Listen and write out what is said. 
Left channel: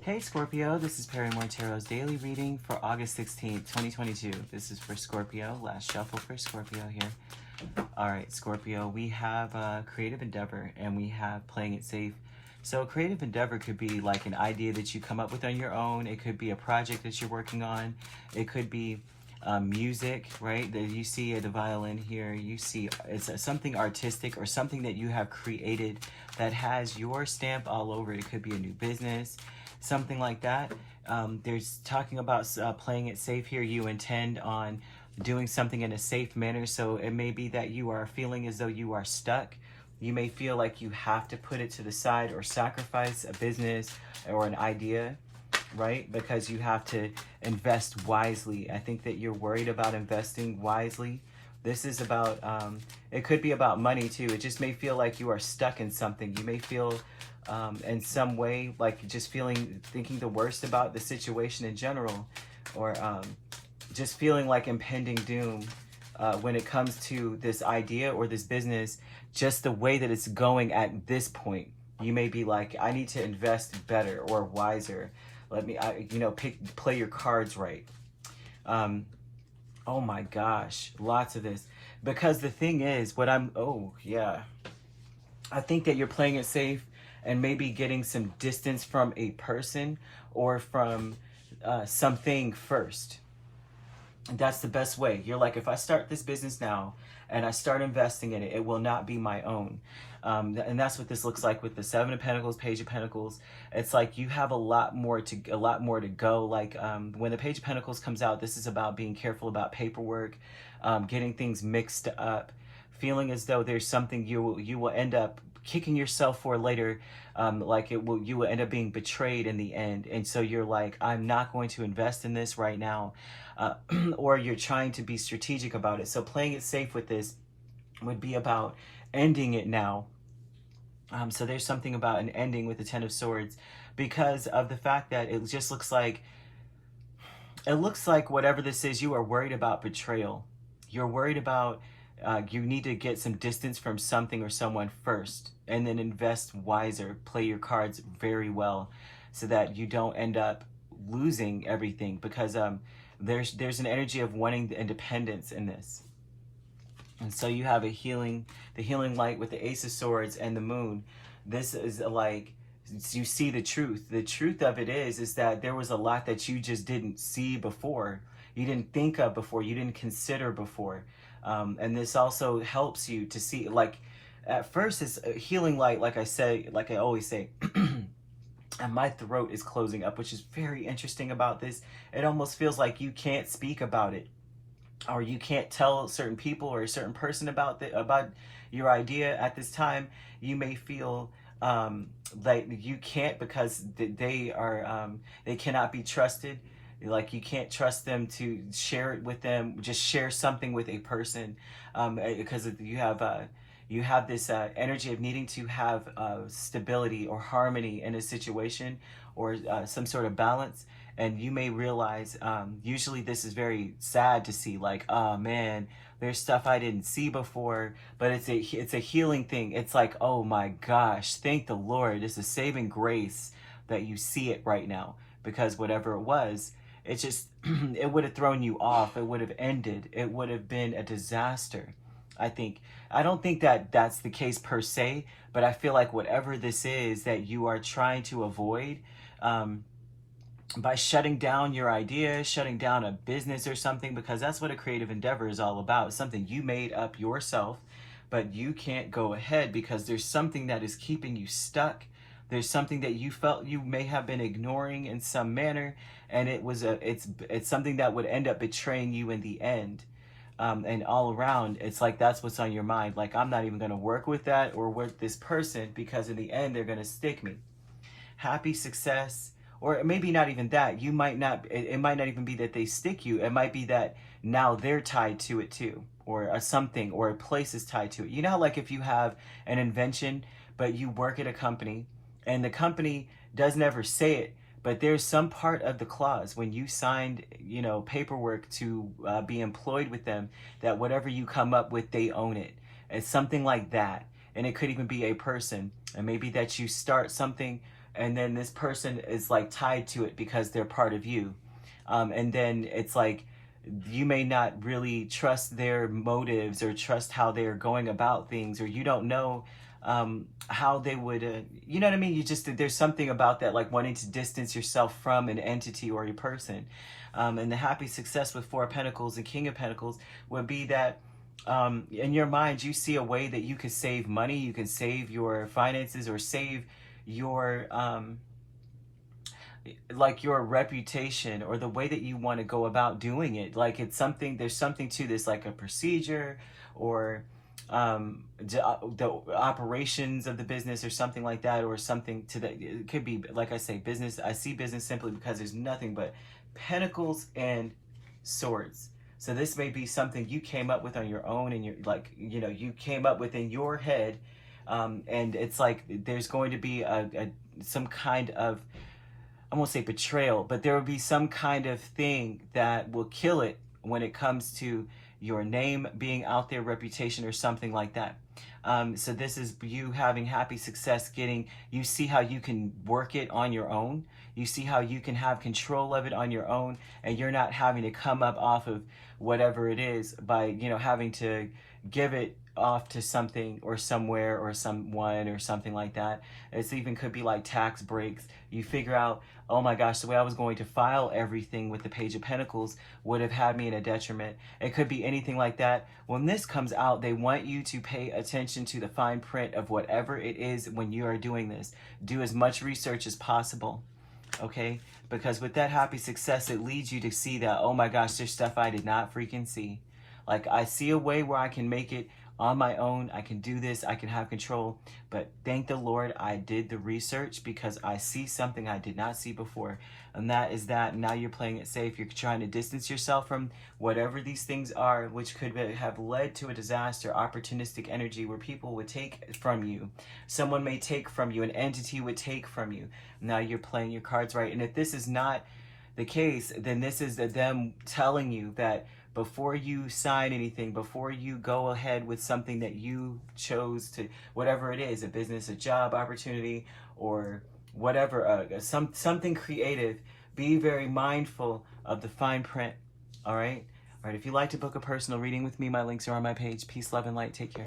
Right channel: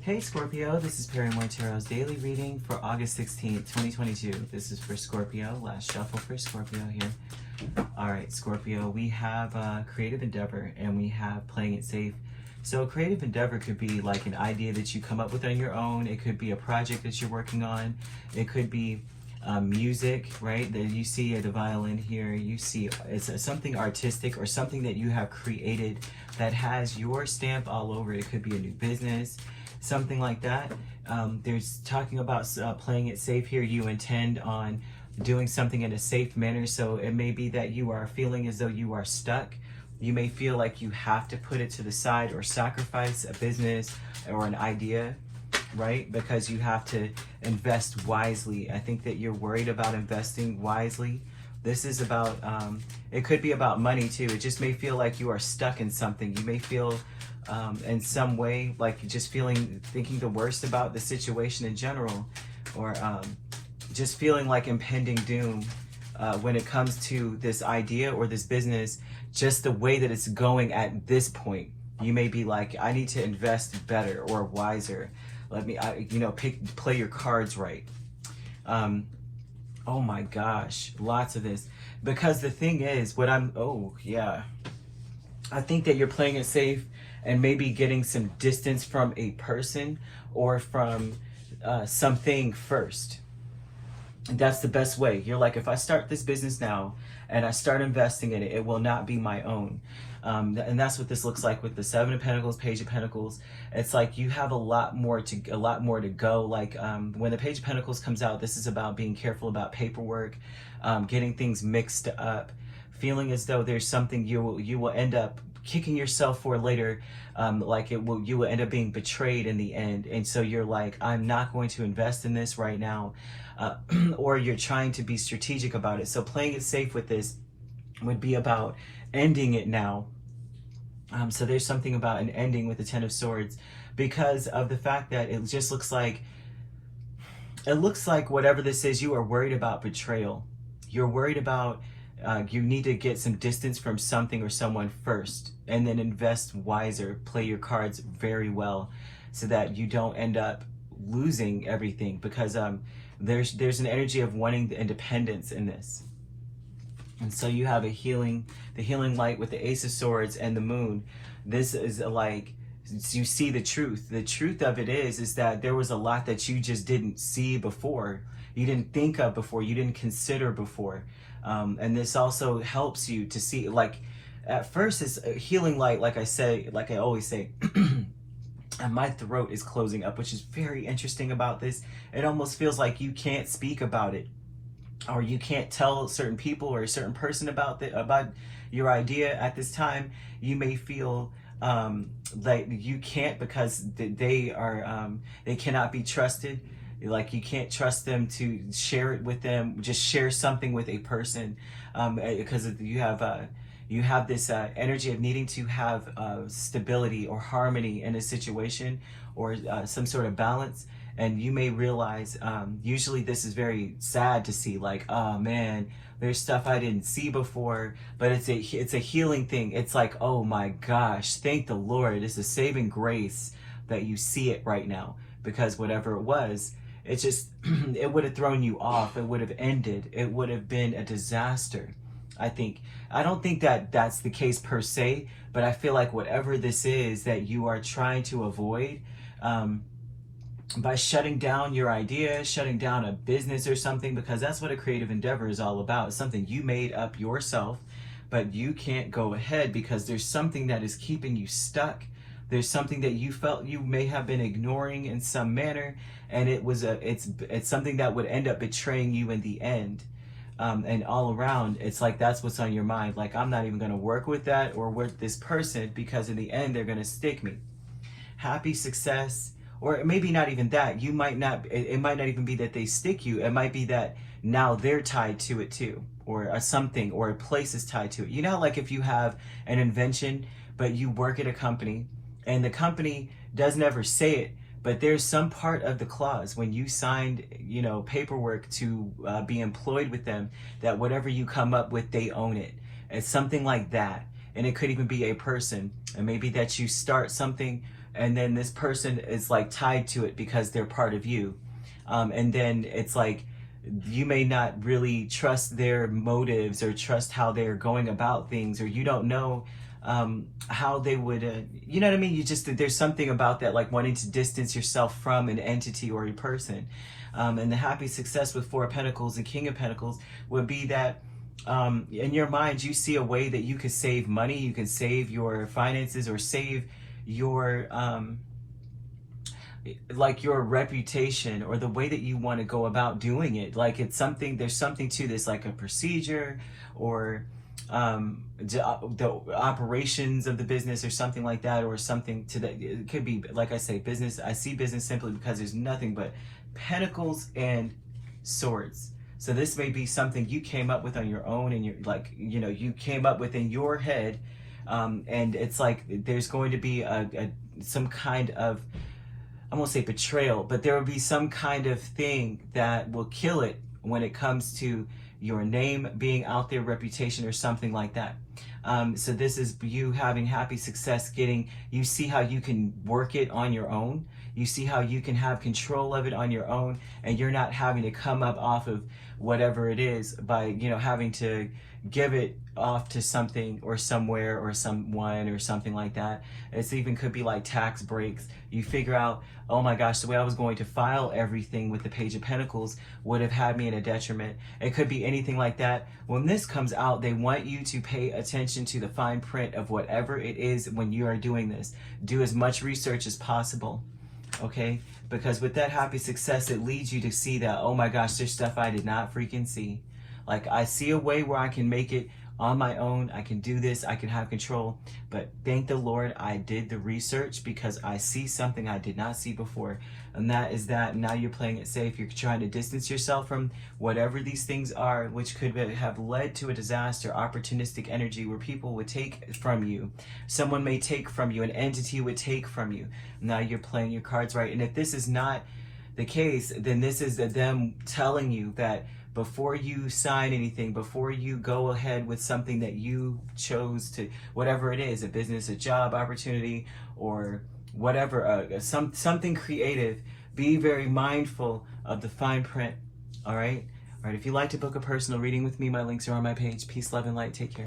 Hey Scorpio, this is Perrymore Tarot's daily reading for August 16th, 2022. This is for Scorpio, last shuffle for Scorpio here. Alright Scorpio, we have creative endeavor and we have playing it safe. So creative endeavor could be like an idea that you come up with on your own. It could be a project that you're working on. It could be music, right? That you see the violin here. You see it's something artistic or something that you have created that has your stamp all over it. It could be a new business, something like that. There's talking about playing it safe here. You intend on doing something in a safe manner. So it may be that you are feeling as though you are stuck. You may feel like you have to put it to the side or sacrifice a business or an idea, right? Because you have to invest wisely. I think that you're worried about investing wisely. This is about, it could be about money too. It just may feel like you are stuck in something. You may feel in some way like just thinking the worst about the situation in general, or just feeling like impending doom when it comes to this idea or this business, just the way that it's going at this point. You may be like, I need to invest better or wiser. Let me, play your cards right. Oh my gosh, lots of this. Because the thing is, I think that you're playing it safe and maybe getting some distance from a person or from something first. That's the best way. You're like, if I start this business now and I start investing in it, it will not be my own. And that's what this looks like with the Seven of Pentacles, Page of Pentacles. It's like you have a lot more to go. Like when the Page of Pentacles comes out, this is about being careful about paperwork, getting things mixed up, feeling as though there's something you will end up kicking yourself for later. You will end up being betrayed in the end. And so you're like, I'm not going to invest in this right now. Or you're trying to be strategic about it. So playing it safe with this would be about ending it now. So there's something about an ending with the Ten of Swords, because of the fact that it just looks like, whatever this is, you are worried about betrayal. You're worried about, you need to get some distance from something or someone first, and then invest wiser, play your cards very well so that you don't end up losing everything, because there's an energy of wanting the independence in this. And so you have the healing light with the Ace of Swords and the Moon. This is like, you see the truth. The truth of it is that there was a lot that you just didn't see before. You didn't think of before. You didn't consider before. And this also helps you to see, like, at first it's a healing light, like I always say, and my throat is closing up, which is very interesting about this. It almost feels like you can't speak about it, or you can't tell certain people or a certain person about your idea at this time. You may feel like you can't, because they cannot be trusted. Like you can't trust them to share it with them. Just share something with a person, because you have this energy of needing to have stability or harmony in a situation, or some sort of balance. And you may realize, usually this is very sad to see, like, oh man, there's stuff I didn't see before, but it's a healing thing. It's like, oh my gosh, thank the Lord. It's a saving grace that you see it right now, because whatever it was, it just, it would have thrown you off. It would have ended. It would have been a disaster. I don't think that that's the case per se, but I feel like whatever this is that you are trying to avoid, by shutting down your idea, shutting down a business or something, because that's what a creative endeavor is all about. It's something you made up yourself, but you can't go ahead because there's something that is keeping you stuck. There's something that you felt you may have been ignoring in some manner, and it's something that would end up betraying you in the end. And all around, it's like that's what's on your mind. Like, I'm not even going to work with that or with this person, because in the end, they're going to stick me. Happy success. Or maybe not even that. You might not, it might not even be that they stick you. It might be that now they're tied to it too. Or something, or a place is tied to it. You know, like if you have an invention, but you work at a company, and the company doesn't ever say it, but there's some part of the clause when you signed, paperwork to be employed with them, that whatever you come up with, they own it. It's something like that. And it could even be a person. And maybe that you start something and then this person is like tied to it because they're part of you. And then it's like you may not really trust their motives or trust how they're going about things, or you don't know how they would, you know what I mean? You just, there's something about that, like wanting to distance yourself from an entity or a person. And the happy success with Four of Pentacles and King of Pentacles would be that in your mind, you see a way that you could save money, you can save your finances, or save your like your reputation, or the way that you want to go about doing it. Like it's something, there's something to this, like a procedure, or the operations of the business, or something like that, or something to that. It could be, like I say, business. I see business simply because there's nothing but pentacles and swords. So this may be something you came up with on your own, and you're like, you know, you came up with in your head, and it's like there's going to be some kind of, I won't say betrayal, but there will be some kind of thing that will kill it when it comes to your name being out there, reputation, or something like that. So this is you having happy success, getting, you see how you can work it on your own. You see how you can have control of it on your own, and you're not having to come up off of whatever it is by, you know, having to give it off to something or somewhere or someone or something like that. It's even could be like tax breaks. You figure out, oh my gosh, the way I was going to file everything with the Page of Pentacles would have had me in a detriment. It could be anything like that. When this comes out, they want you to pay attention to the fine print of whatever it is when you are doing this. Do as much research as possible, okay? Because with that happy success, it leads you to see that, oh my gosh, there's stuff I did not freaking see. Like, I see a way where I can make it on my own. I can do this. I can have control. But thank the Lord I did the research, because I see something I did not see before. And that is that. Now you're playing it safe. You're trying to distance yourself from whatever these things are, which could have led to a disaster, opportunistic energy where people would take from you. Someone may take from you. An entity would take from you. Now you're playing your cards right. And if this is not the case, then this is them telling you that before you sign anything, before you go ahead with something that you chose to, whatever it is, a business, a job opportunity, or whatever, something creative, be very mindful of the fine print, all right? All right, if you'd like to book a personal reading with me, my links are on my page. Peace, love, and light. Take care.